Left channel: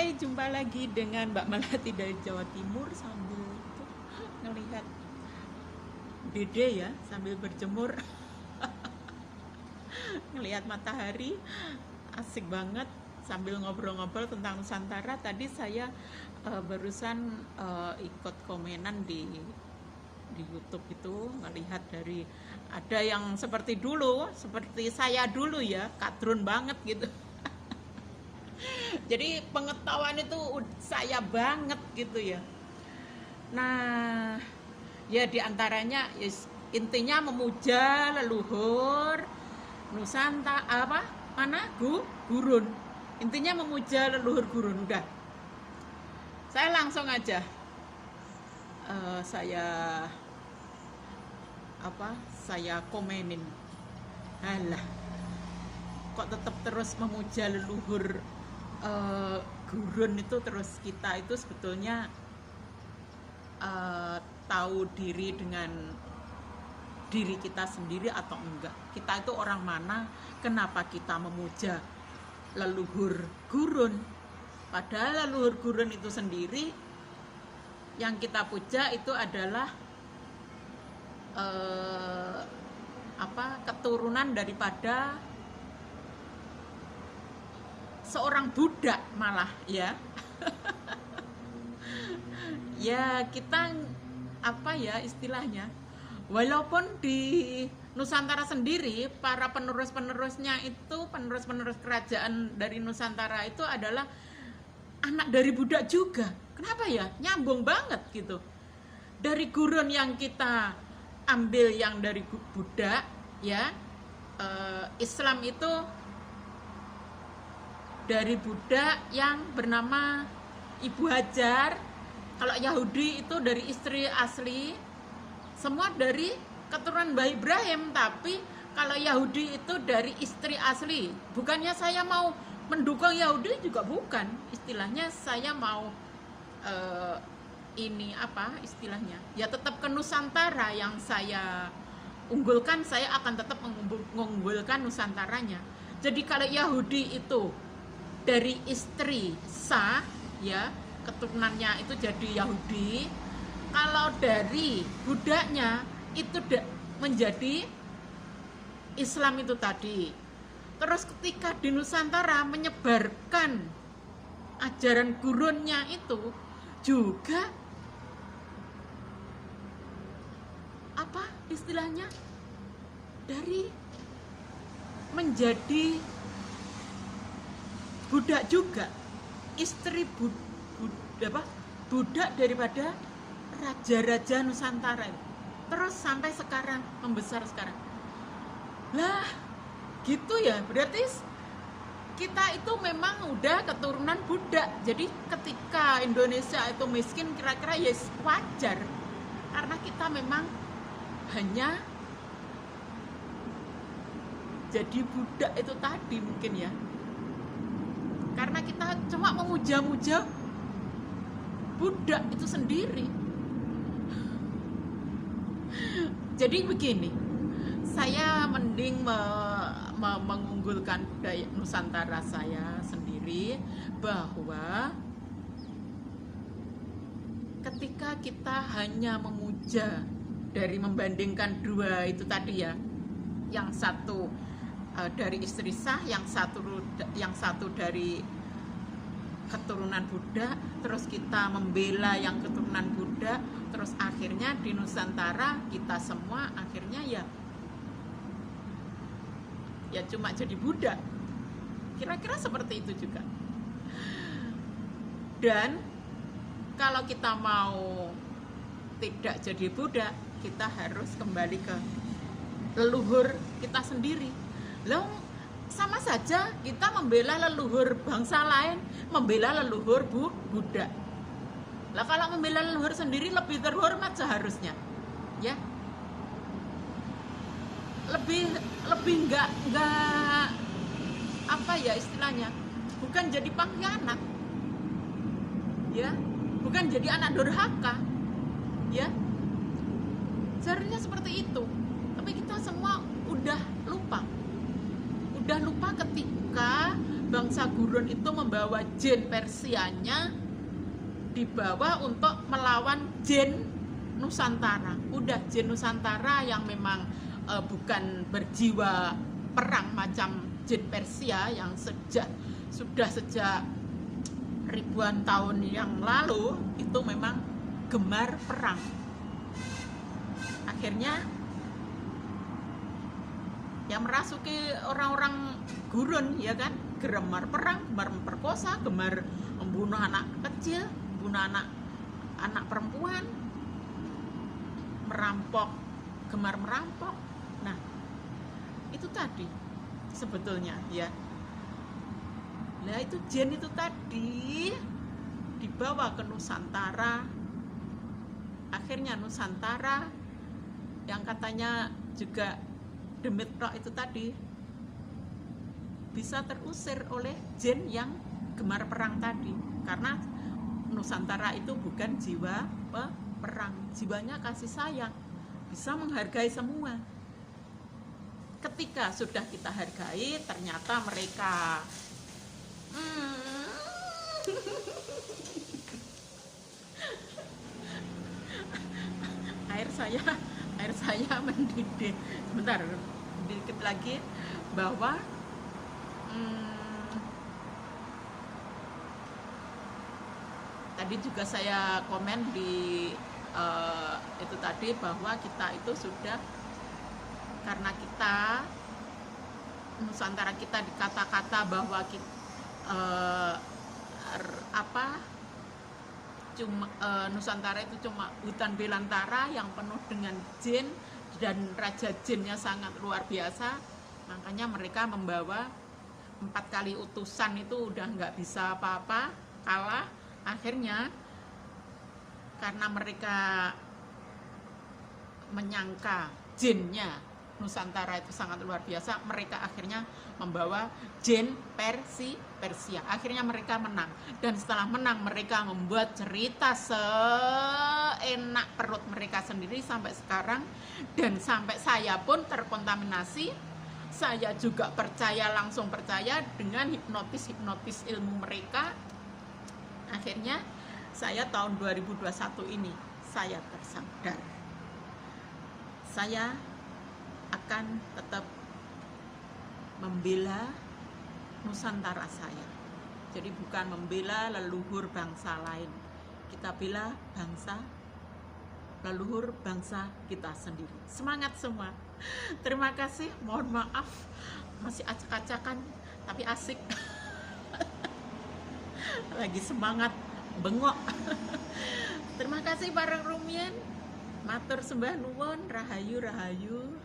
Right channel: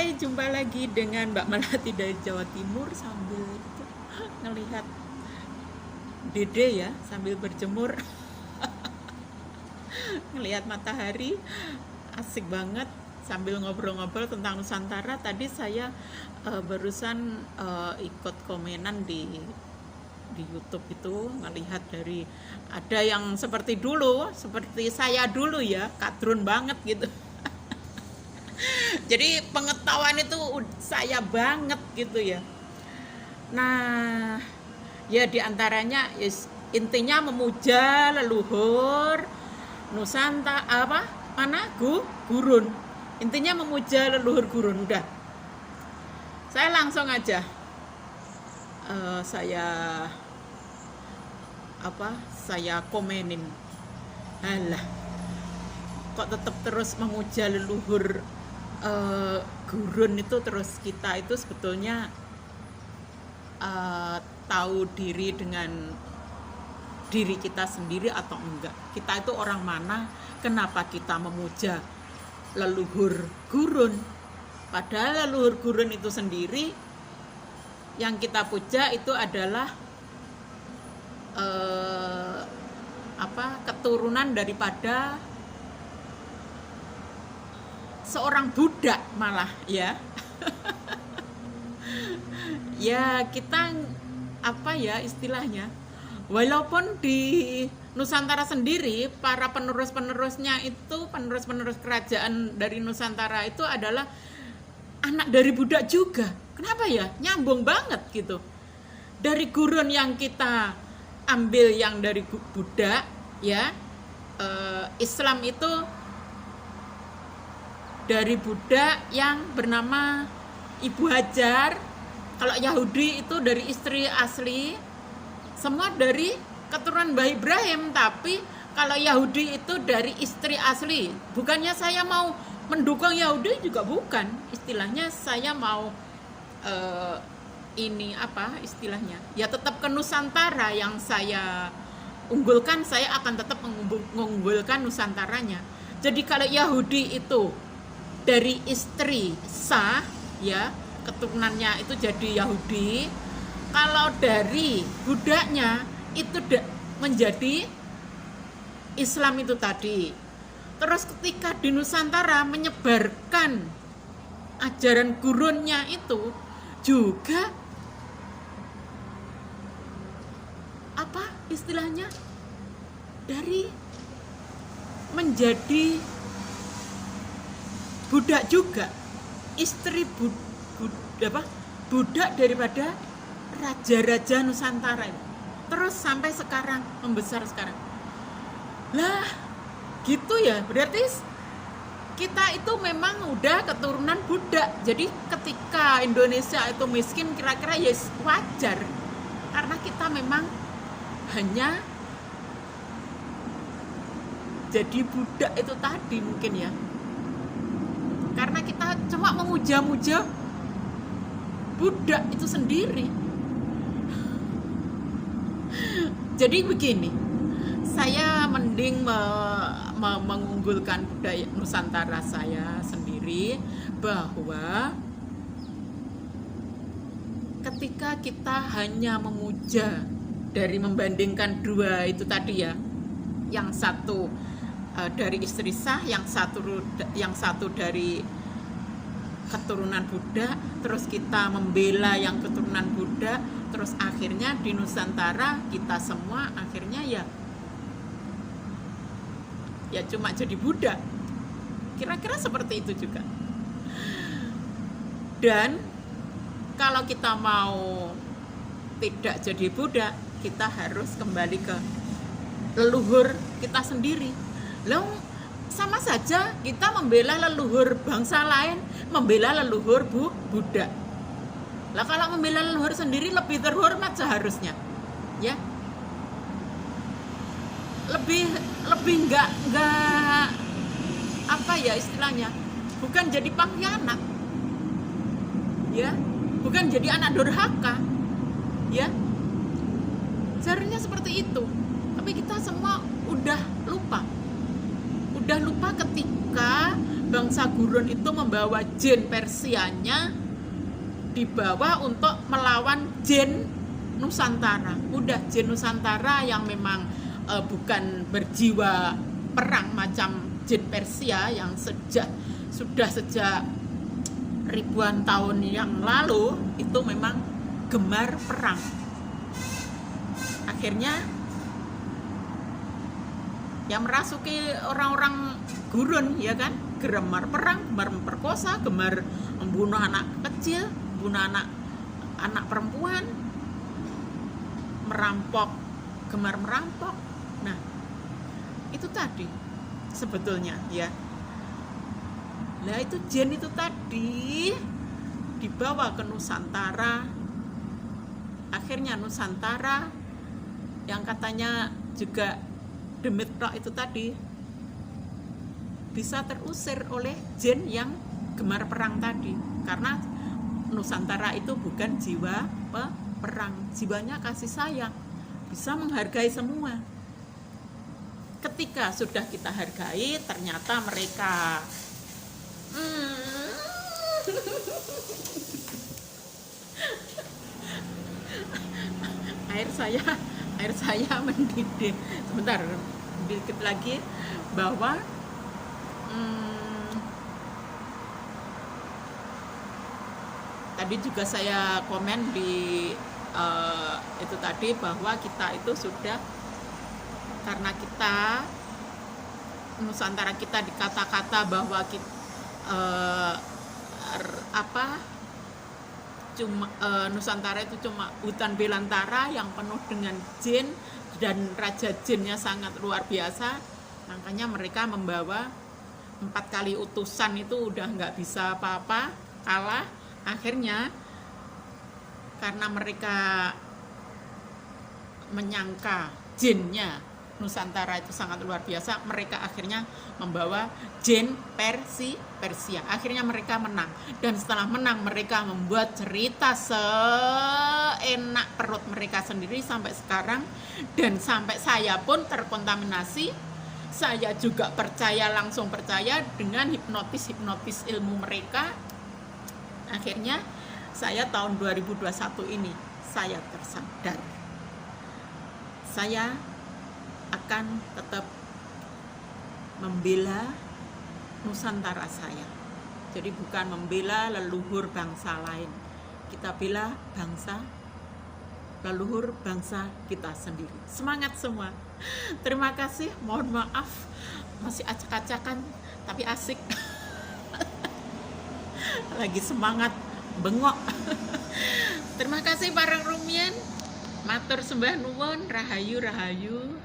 Hai, jumpa lagi dengan Mbak Melati dari Jawa Timur sambil itu ngelihat dede ya, sambil berjemur, ngelihat matahari, asik banget sambil ngobrol-ngobrol tentang Nusantara. Tadi saya barusan ikut komenan di YouTube itu, ngelihat dari ada yang seperti dulu, seperti saya dulu ya, kadrun banget gitu. Jadi pengetahuan itu saya banget gitu ya. Nah, ya diantaranya intinya memuja leluhur Nusantara apa mana gurun. Intinya memuja leluhur gurun. Udah, saya langsung aja saya saya komenin. Alah, kok tetap terus memuja leluhur gurun itu, terus kita itu sebetulnya tahu diri dengan diri kita sendiri atau enggak. Kita itu orang mana, kenapa kita memuja leluhur gurun, padahal leluhur gurun itu sendiri yang kita puja itu adalah keturunan daripada seorang Buddha malah ya. Ya kita istilahnya, walaupun di Nusantara sendiri para penerus-penerusnya itu, penerus-penerus kerajaan dari Nusantara itu adalah anak dari Buddha juga. Kenapa ya? Nyambung banget gitu. Dari gurun yang kita ambil yang dari Buddha ya, Islam itu dari Buddha yang bernama Ibu Hajar. Kalau Yahudi itu dari istri asli, semua dari keturunan Mbah Ibrahim. Tapi kalau Yahudi itu dari istri asli. Bukannya saya mau mendukung Yahudi juga bukan. Istilahnya saya mau ya tetap ke Nusantara yang saya unggulkan. Saya akan tetap mengunggulkan Nusantaranya. Jadi kalau Yahudi itu dari istri sah ya, keturunannya itu jadi Yahudi. Kalau dari Buddhanya itu menjadi Islam itu tadi. Terus ketika di Nusantara menyebarkan ajaran gurunnya itu juga istilahnya dari menjadi budak juga, istri budak daripada raja-raja Nusantara itu. Terus sampai sekarang, membesar sekarang. Lah, gitu ya. Berarti kita itu memang udah keturunan budak. Jadi ketika Indonesia itu miskin, kira-kira ya wajar. Karena kita memang hanya jadi budak itu tadi mungkin ya. Karena kita cuma memuja-muja budak itu sendiri. Jadi begini, saya mending mengunggulkan budaya Nusantara saya sendiri, bahwa ketika kita hanya memuja dari membandingkan dua itu tadi ya, yang satu dari istri sah, yang satu dari keturunan Buddha, terus kita membela yang keturunan Buddha, terus akhirnya di Nusantara kita semua akhirnya ya cuma jadi Buddha. Kira-kira seperti itu juga. Dan kalau kita mau tidak jadi Buddha, kita harus kembali ke leluhur kita sendiri. Lalu sama saja kita membela leluhur bangsa lain, membela leluhur Buddha. Lah kalau membela leluhur sendiri lebih terhormat seharusnya, ya. Lebih enggak istilahnya, bukan jadi pengkhianat, ya, bukan jadi anak durhaka, ya. Seharusnya seperti itu. Tapi kita semua udah lupa ketika bangsa guru gurun itu membawa jin Persianya, dibawa untuk melawan jin Nusantara. Udah jin Nusantara yang memang bukan berjiwa perang macam jin Persia yang sudah sejak ribuan tahun yang lalu itu memang gemar perang. Akhirnya yang merasuki orang-orang gurun, ya kan, gemar perang, gemar memperkosa, gemar membunuh anak kecil, membunuh anak perempuan, merampok, gemar merampok. Nah, itu tadi sebetulnya ya. Nah, itu jin itu tadi dibawa ke Nusantara. Akhirnya Nusantara yang katanya juga demit roh itu tadi bisa terusir oleh jin yang gemar perang tadi, karena Nusantara itu bukan jiwa perang, jiwanya kasih sayang, bisa menghargai semua. Ketika sudah kita hargai, ternyata mereka air saya mendidih. Sebentar, dikit lagi bahwa tadi juga saya komen di itu tadi bahwa kita itu sudah, karena kita Nusantara kita dikata-kata bahwa kita Nusantara itu cuma hutan belantara yang penuh dengan jin, dan raja jinnya sangat luar biasa. Makanya mereka membawa 4 kali utusan itu udah nggak bisa apa-apa, kalah. Akhirnya karena mereka menyangka jinnya Nusantara itu sangat luar biasa, mereka akhirnya membawa jin Persia. Akhirnya mereka menang, dan setelah menang mereka membuat cerita seenak perut mereka sendiri sampai sekarang. Dan sampai saya pun terkontaminasi, saya juga langsung percaya dengan hipnotis ilmu mereka. Akhirnya saya tahun 2021 ini saya tersadar, saya akan tetap membela Nusantara saya. Jadi bukan membela leluhur bangsa lain, kita bela leluhur bangsa kita sendiri. Semangat semua. Terima kasih, mohon maaf masih acak-acakan tapi asik. Lagi semangat bengok. Terima kasih para rumian, matur sembah nuwun, rahayu.